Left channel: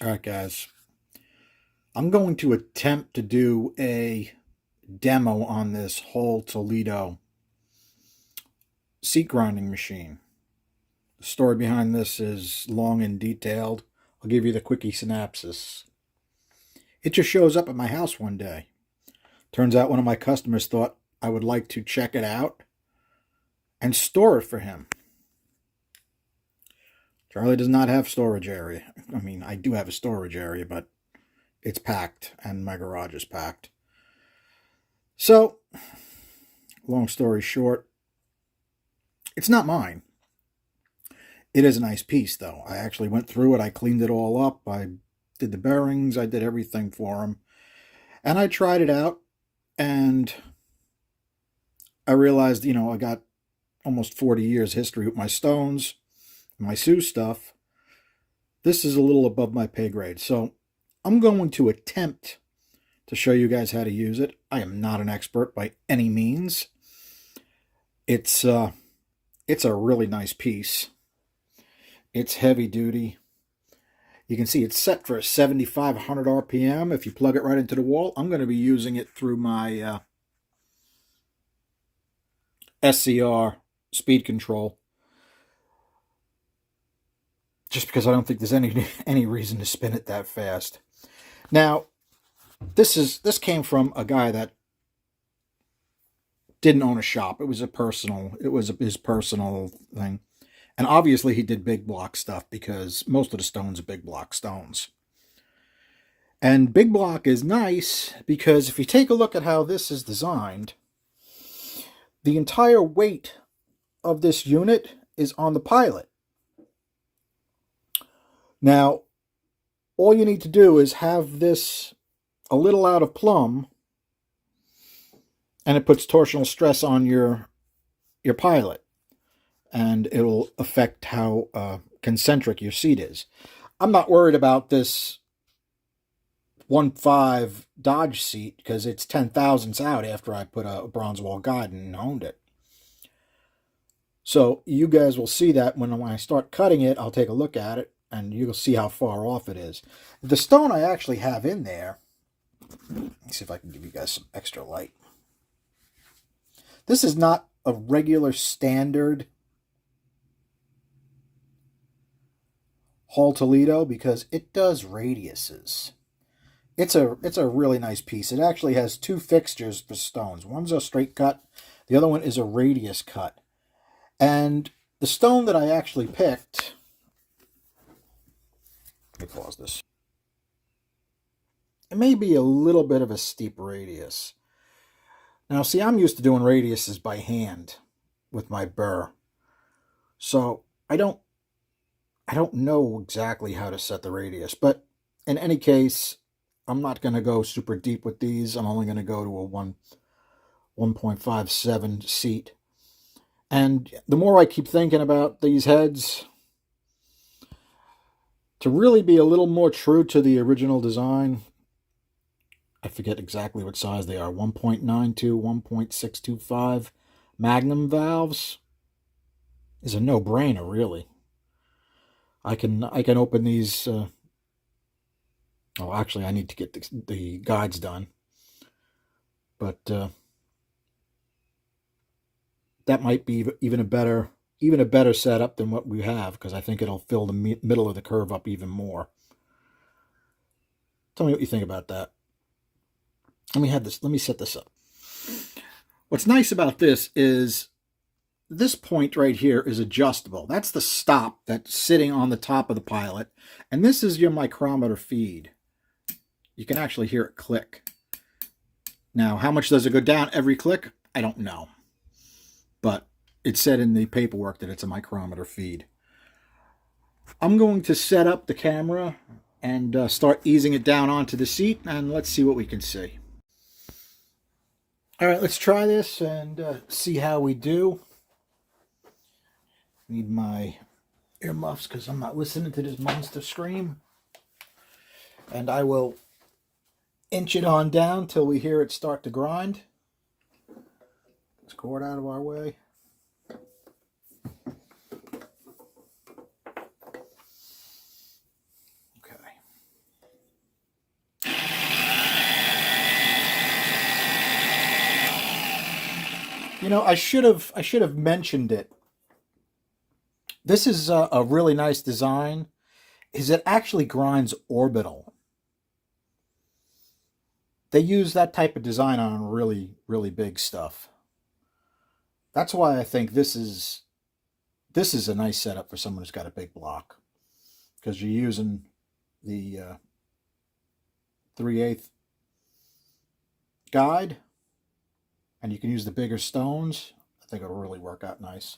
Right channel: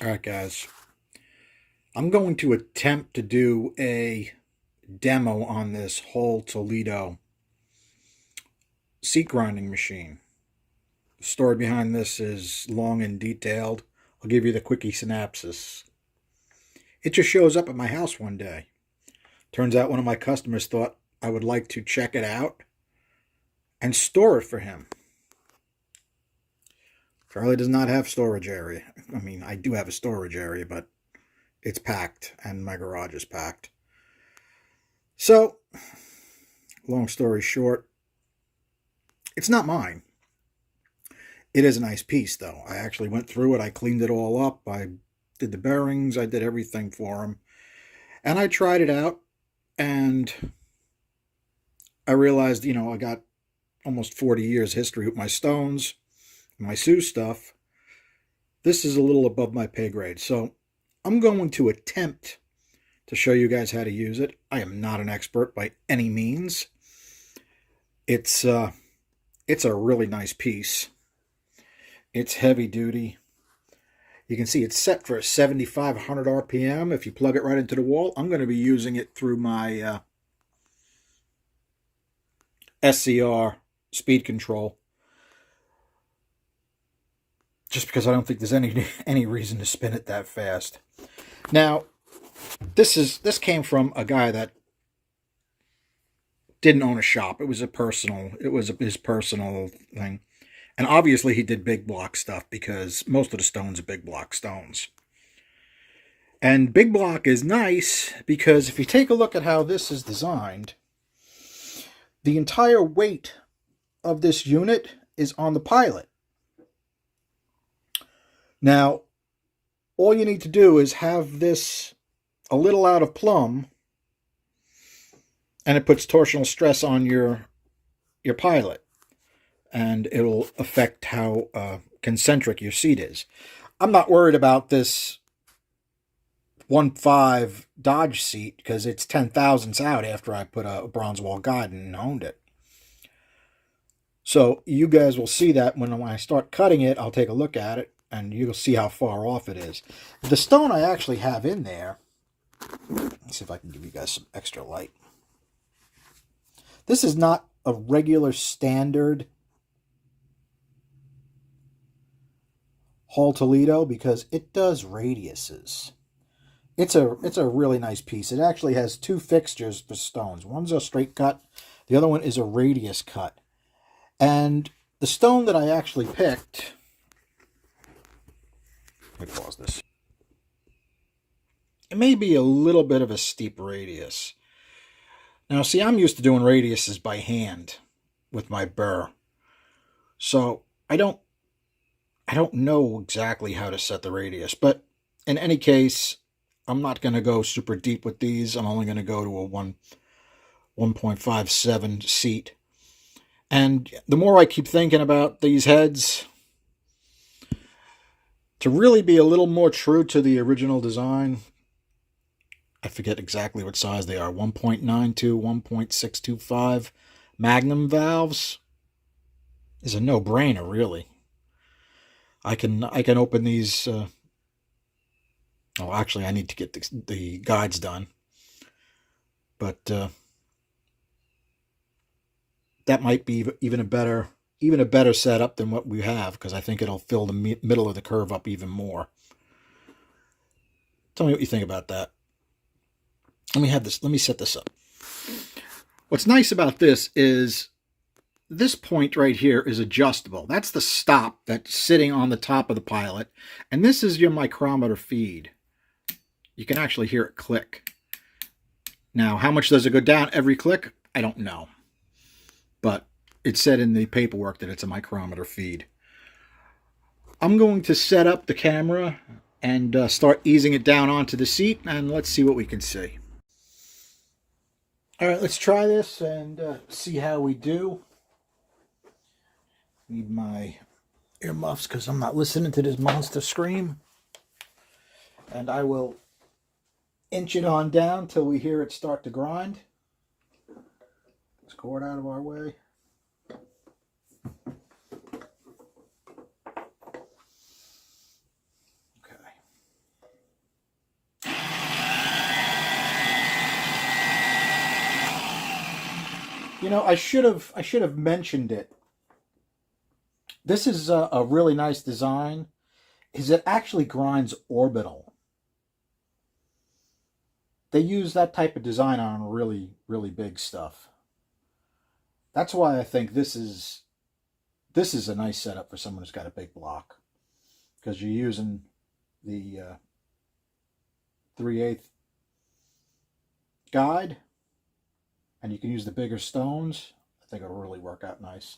All right, guys. I'm going to attempt to do a demo on this whole Toledo seat grinding machine. The story behind this is long and detailed. I'll give you the quickie synopsis. It just shows up at my house one day. Turns out one of my customers thought I would like to check it out and store it for him. Charlie does not have storage area. I mean, I do have a storage area, but it's packed and my garage is packed. So, long story short, it's not mine. It is a nice piece, though. I actually went through it. I cleaned it all up. I did the bearings. I did everything for him. And I tried it out, and I realized, I got almost 40 years history with my stones, my Sioux stuff. This is a little above my pay grade. So I'm going to attempt to show you guys how to use it. I am not an expert by any means. It's a really nice piece. It's heavy duty. You can see it's set for 7,500 RPM. If you plug it right into the wall, I'm going to be using it through my SCR speed control. Just because I don't think there's any reason to spin it that fast. Now, this came from a guy that didn't own a shop. It was his personal thing. And obviously he did big block stuff because most of the stones are big block stones. And big block is nice because if you take a look at how this is designed, the entire weight of this unit is on the pilot. Now, all you need to do is have this a little out of plumb, and it puts torsional stress on your pilot. And it'll affect how concentric your seat is. I'm not worried about this 1.5 Dodge seat because it's 10 thousandths out after I put a bronze wall guide and honed it. So you guys will see that when I start cutting it, I'll take a look at it and you'll see how far off it is. The stone I actually have in there, let's see if I can give you guys some extra light. This is not a regular standard Hall Toledo because it does radiuses. It's a really nice piece. It actually has two fixtures for stones. One's a straight cut, the other one is a radius cut. And the stone that I actually picked, let me pause this. It may be a little bit of a steep radius. Now, see, I'm used to doing radiuses by hand with my burr. So I don't know exactly how to set the radius, but in any case, I'm not going to go super deep with these. I'm only going to go to a 1.57 seat. And the more I keep thinking about these heads, to really be a little more true to the original design, I forget exactly what size they are, 1.92, 1.625 Magnum valves is a no-brainer, really. I can open these. Actually, I need to get the guides done, but that might be even a better setup than what we have because I think it'll fill the middle of the curve up even more. Tell me what you think about that. Let me set this up. What's nice about this is this point right here is adjustable. That's the stop that's sitting on the top of the pilot. And this is your micrometer feed. You can actually hear it click. Now, how much does it go down every click? I don't know. But it said in the paperwork that it's a micrometer feed. I'm going to set up the camera and start easing it down onto the seat, and let's see what we can see. All right, let's try this and see how we do. Need my earmuffs because I'm not listening to this monster scream. And I will inch it on down till we hear it start to grind. This cord out of our way. Okay. I should have mentioned it. This is a really nice design. Is it actually grinds orbital? They use that type of design on really, really big stuff. That's why I think this is a nice setup for someone who's got a big block, because you're using the 3/8 guide, and you can use the bigger stones. I think it'll really work out nice.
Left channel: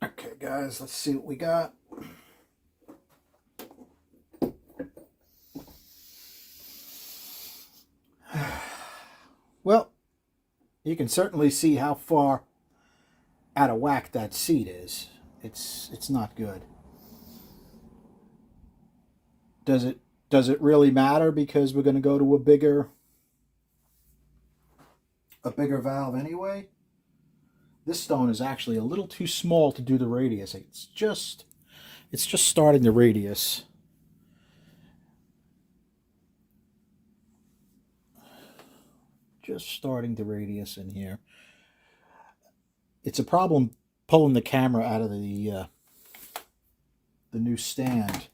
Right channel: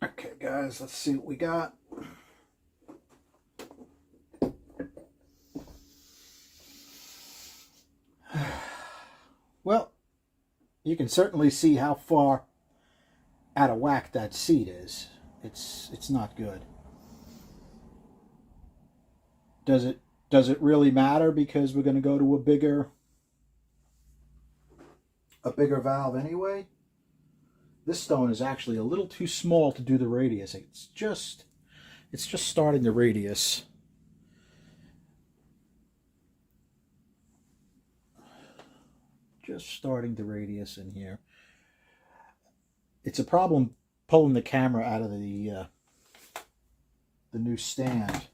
Okay, guys, let's see what we got. Well, you can certainly see how far out of whack that seat is. It's not good. Does it really matter, because we're going to go to a bigger valve anyway? This stone is actually a little too small to do the radius. It's just starting the radius. Just starting the radius in here. It's a problem pulling the camera out of the new stand,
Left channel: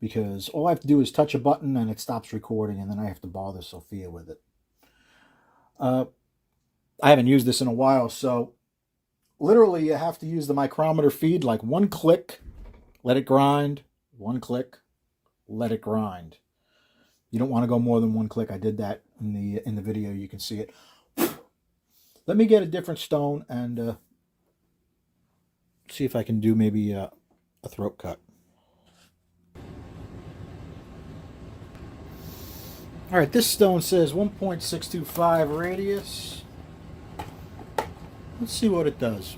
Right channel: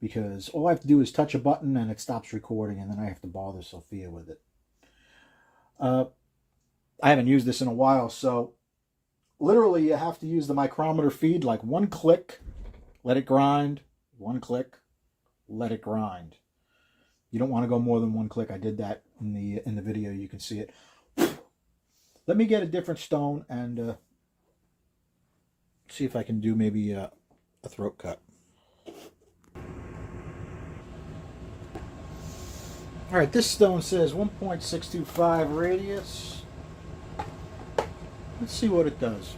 because all I have to do is touch a button and it stops recording, and then I have to bother Sophia with it. I haven't used this in a while, so literally you have to use the micrometer feed, like one click, let it grind, one click, let it grind. You don't want to go more than one click. I did that in the video. You can see it. Let me get a different stone and see if I can do maybe a throat cut. All right, this stone says 1.625 radius. Let's see what it does.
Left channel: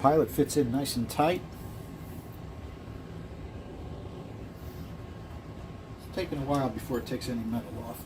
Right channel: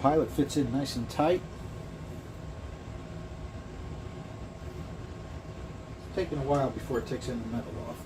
pilot fits in nice and tight. It's taking a while before it takes any metal off.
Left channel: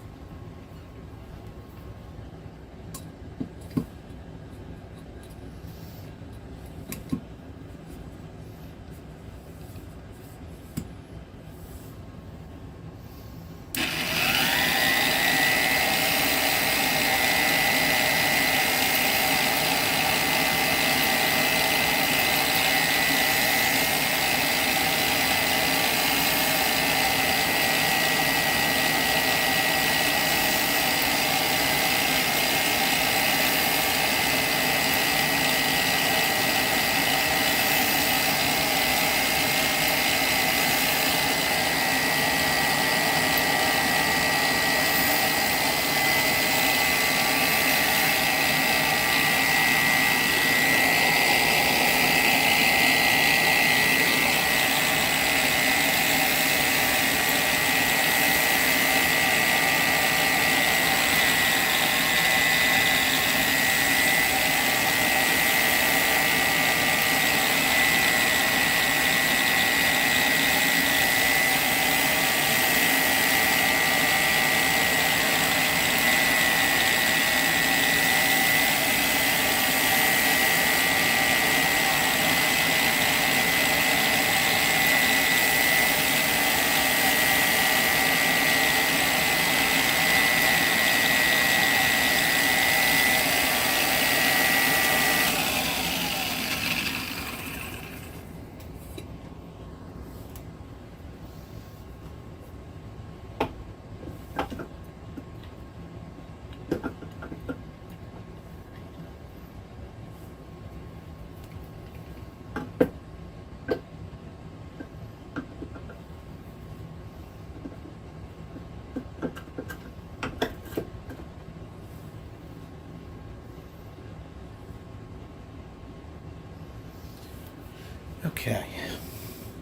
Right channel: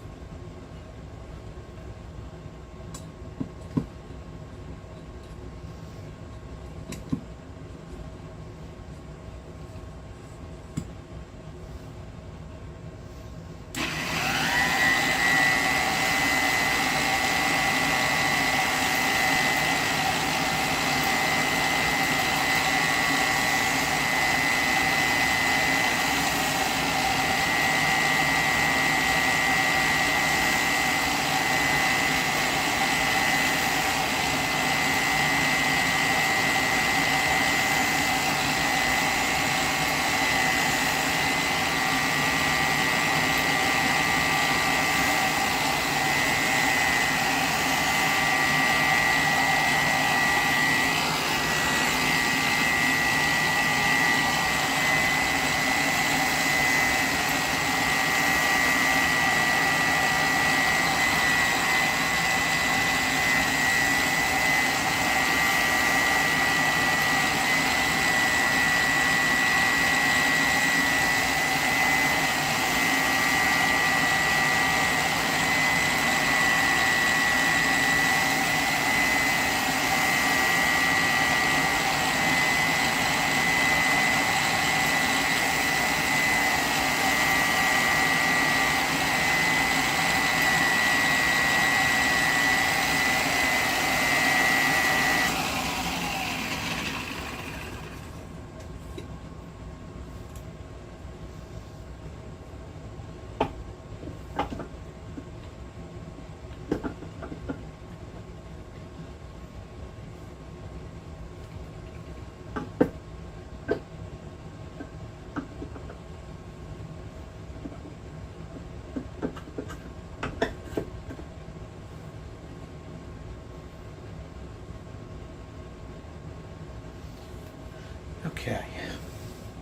Okay.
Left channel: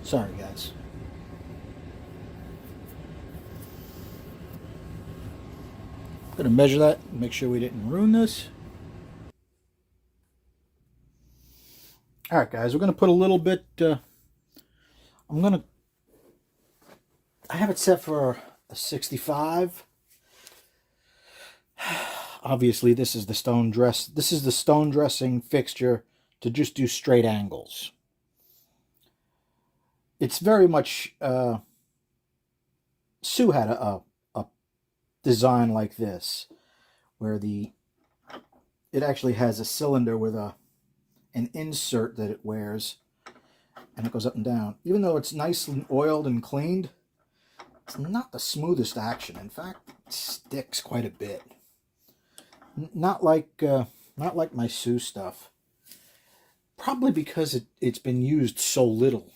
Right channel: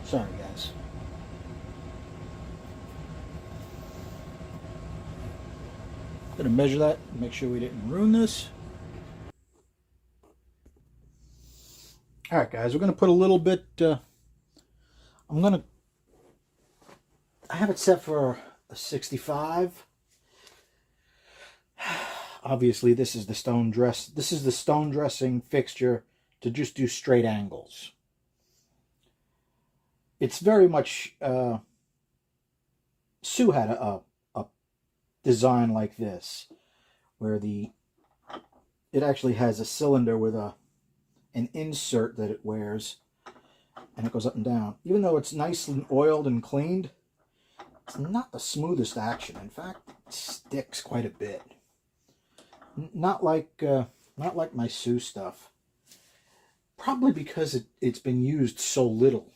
Sorry, guys. Gonna measure that, make sure we didn't ruin this. All right, guys, we're gonna put a little bit. I have it set for a 65. Obviously, this is the stone dressing fixture to just do straight angles. It's very much Sue had a design like this, where it actually has a cylinder with an insert that it wears, and it goes up and down. Even though it's nicely oiled and cleaned, it's not the smoothest action. In fact, it sticks quite a bit. Not like my Sue stuff. Probably because it's been used so little.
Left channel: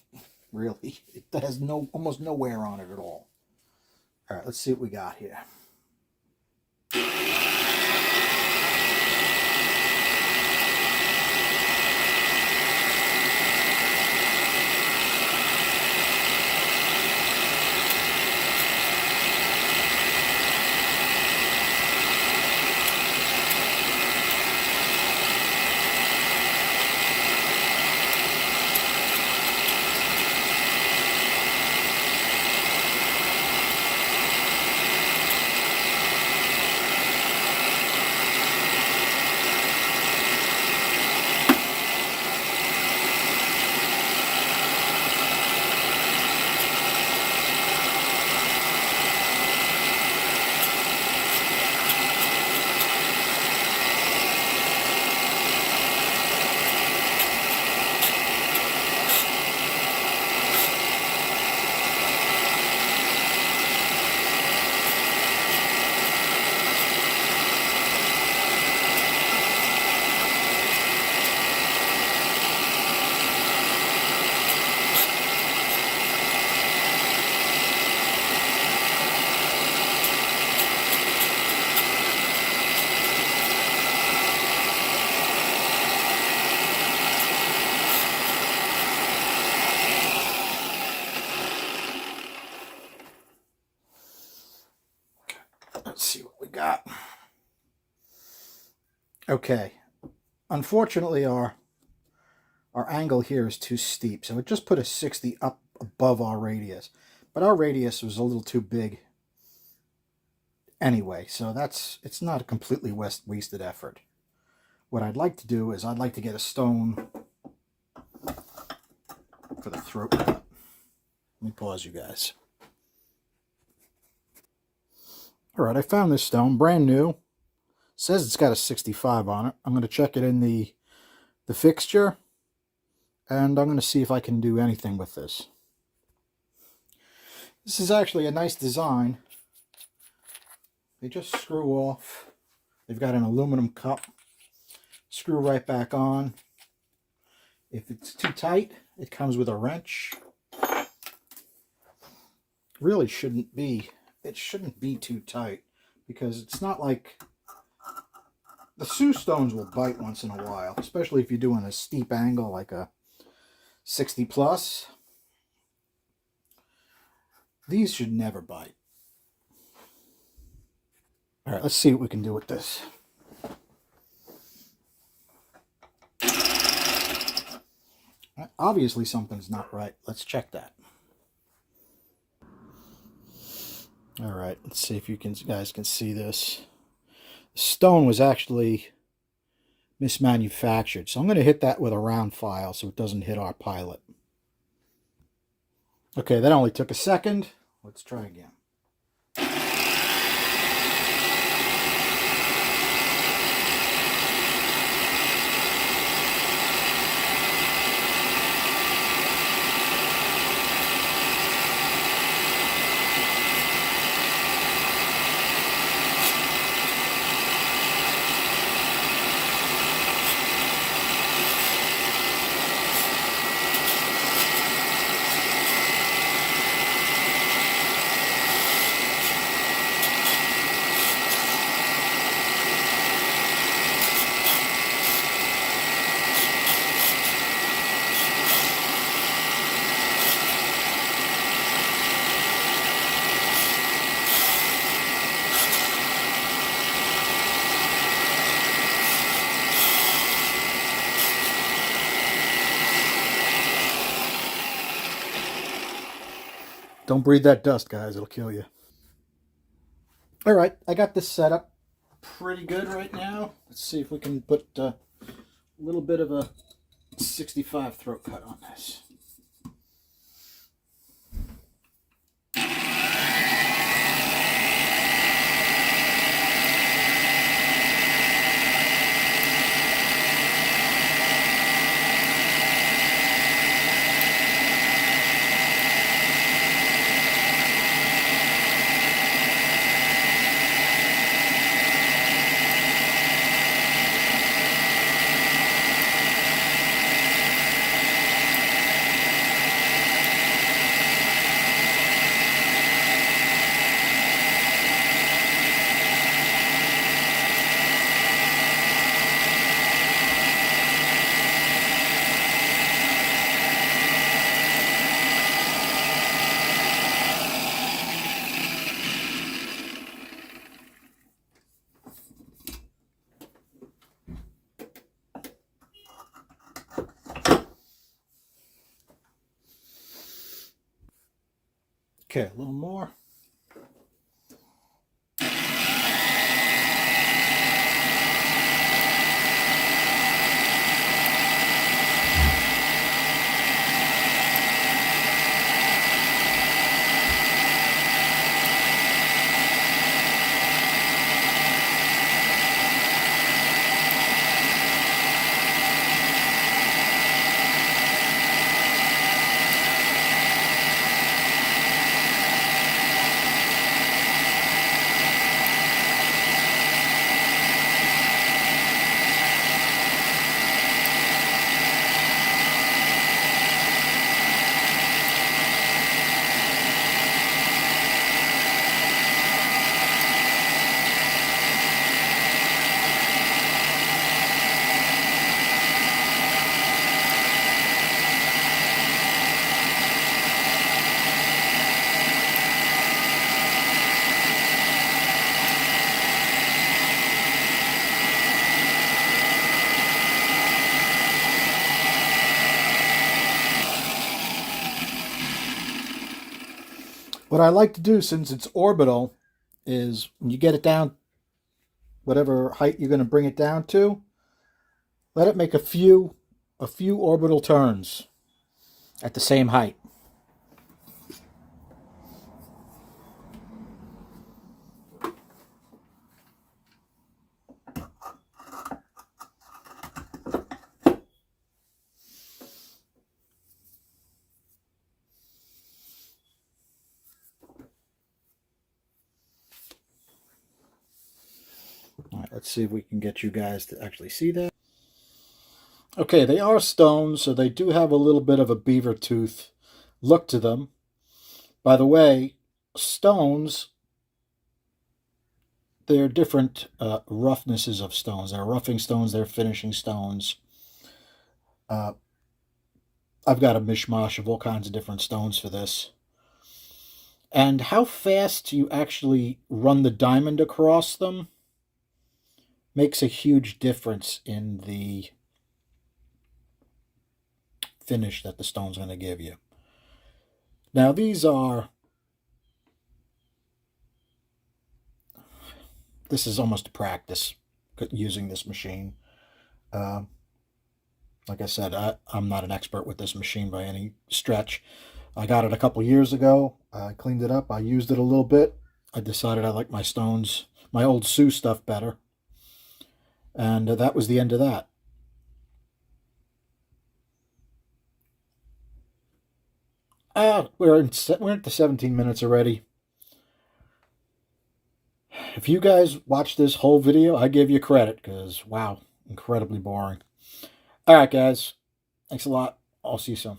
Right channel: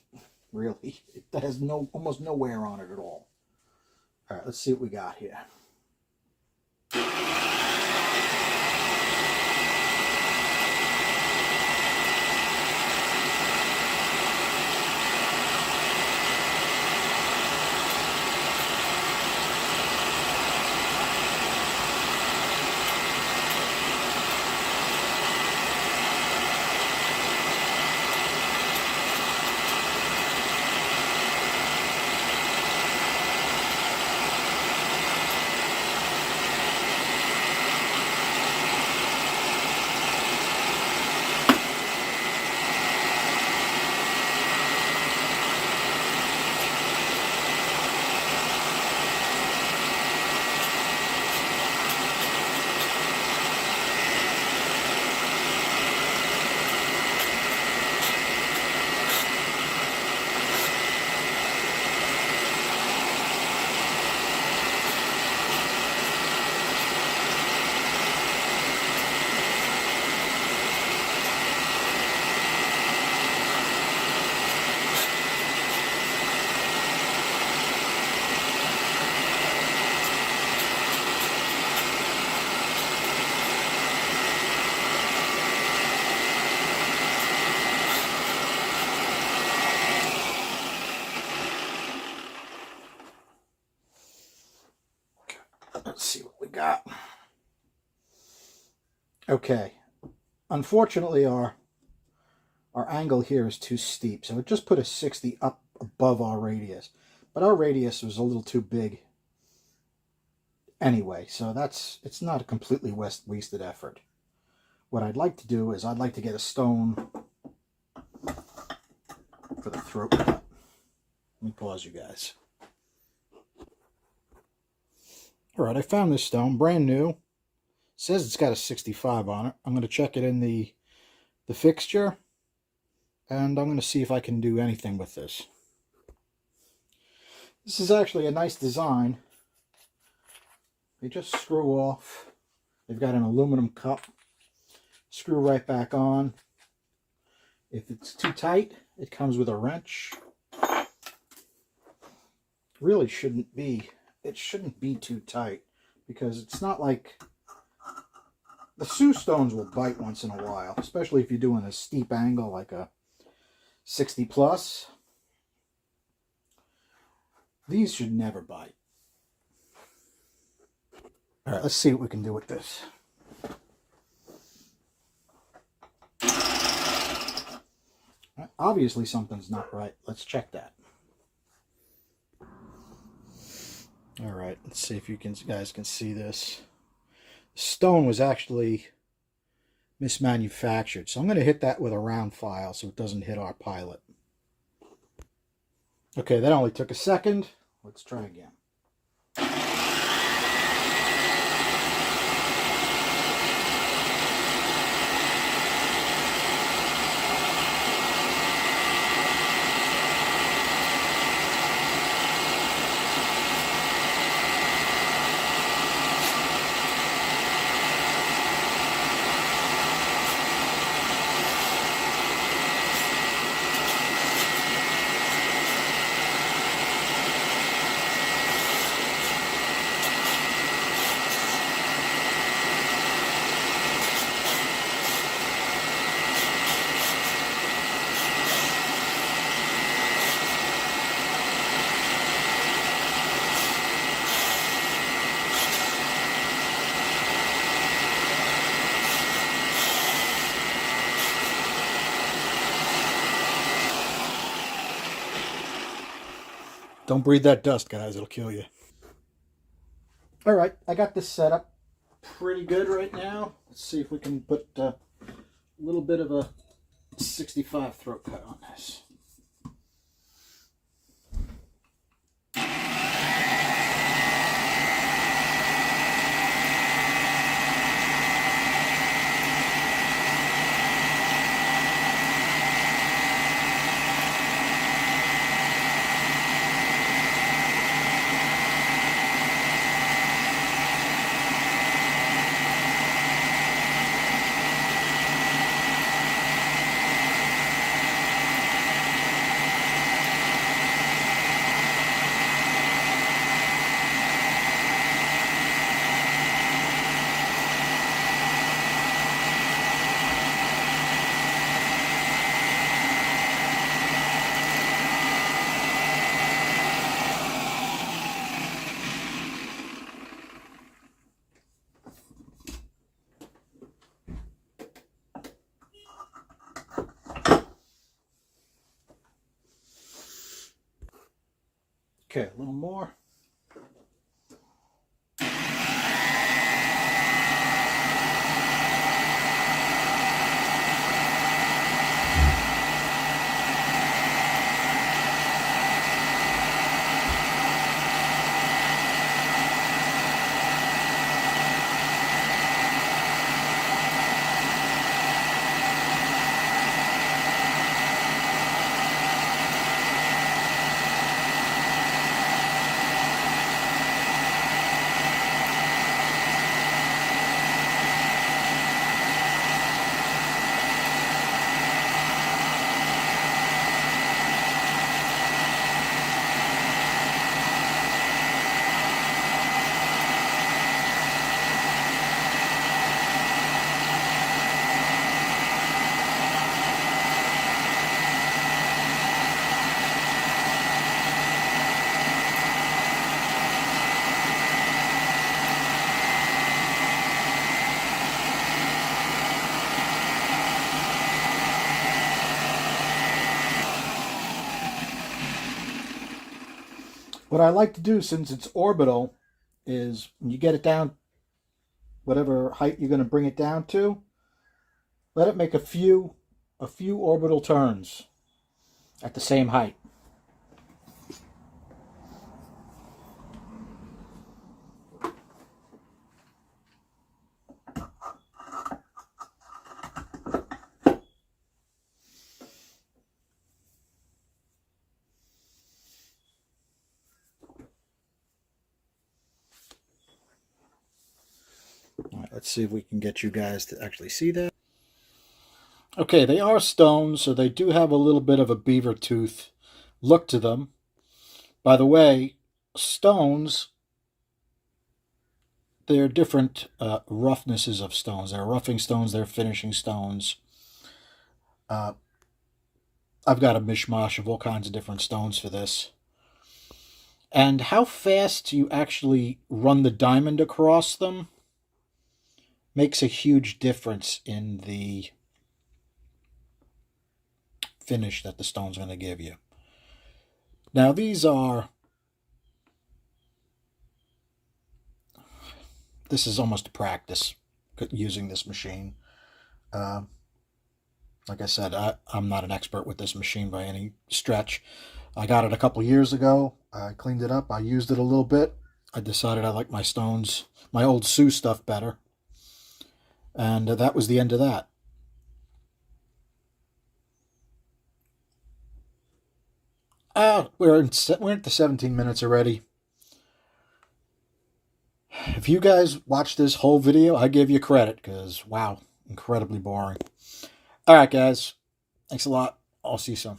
Really, it has almost no wear on it at all. All right, let's see what we got here. Let's see what we got. Okay. Unfortunately, our our angle here is too steep. So it just put a 60 up above our radius. But our radius was a little too big anyway. So it's not a completely wasted effort. What I'd like to do is I'd like to get a stone for the throat cut. Let me pause you guys. All right, I found this stone, brand new. It says it's got a 65 on it. I'm going to check it in the fixture, and I'm going to see if I can do anything with this. This is actually a nice design. They just screw off. They've got an aluminum cup. Screw right back on. If it's too tight, it comes with a wrench. Really shouldn't be. It shouldn't be too tight, because it's not like the Sioux stones will bite once in a while, especially if you're doing a steep angle like a 60 plus. These should never bite. All right, let's see what we can do with this. Obviously something's not right. Let's check that. All right, let's see if you guys can see this. The stone was actually mismanufactured, so I'm going to hit that with a round file so it doesn't hit our pilot. Okay, that only took a second. Let's try again. Don't breathe that dust, guys. It'll kill you. All right, I got this set up pretty good right now. Let's see if we can put a little bit of a 65 throat cut on this. Okay, a little more. What I like to do, since it's orbital, is when you get it down, whatever height you're going to bring it down to, let it make a few orbital turns at the same height. All right, let's see if we can get you guys to actually see that. Okay, they are stones, so they do have a little bit of a beaver tooth look to them. By the way, stones, there are different roughnesses of stones. There are roughing stones, there are finishing stones. I've got a mishmash of all kinds of different stones for this. And how fast you actually run the diamond across them makes a huge difference in the finish that the stone's going to give you. Now this is almost a practice using this machine. Like I said, I'm not an expert with this machine by any stretch. I got it a couple years ago. I cleaned it up. I used it a little bit. I decided I like my stones, my old Sioux stuff better. And that was the end of that. We're at the 17 minutes already. If you guys watched this whole video, I give you credit because, wow, incredibly boring. All right, guys. Thanks a lot. I'll see you soon.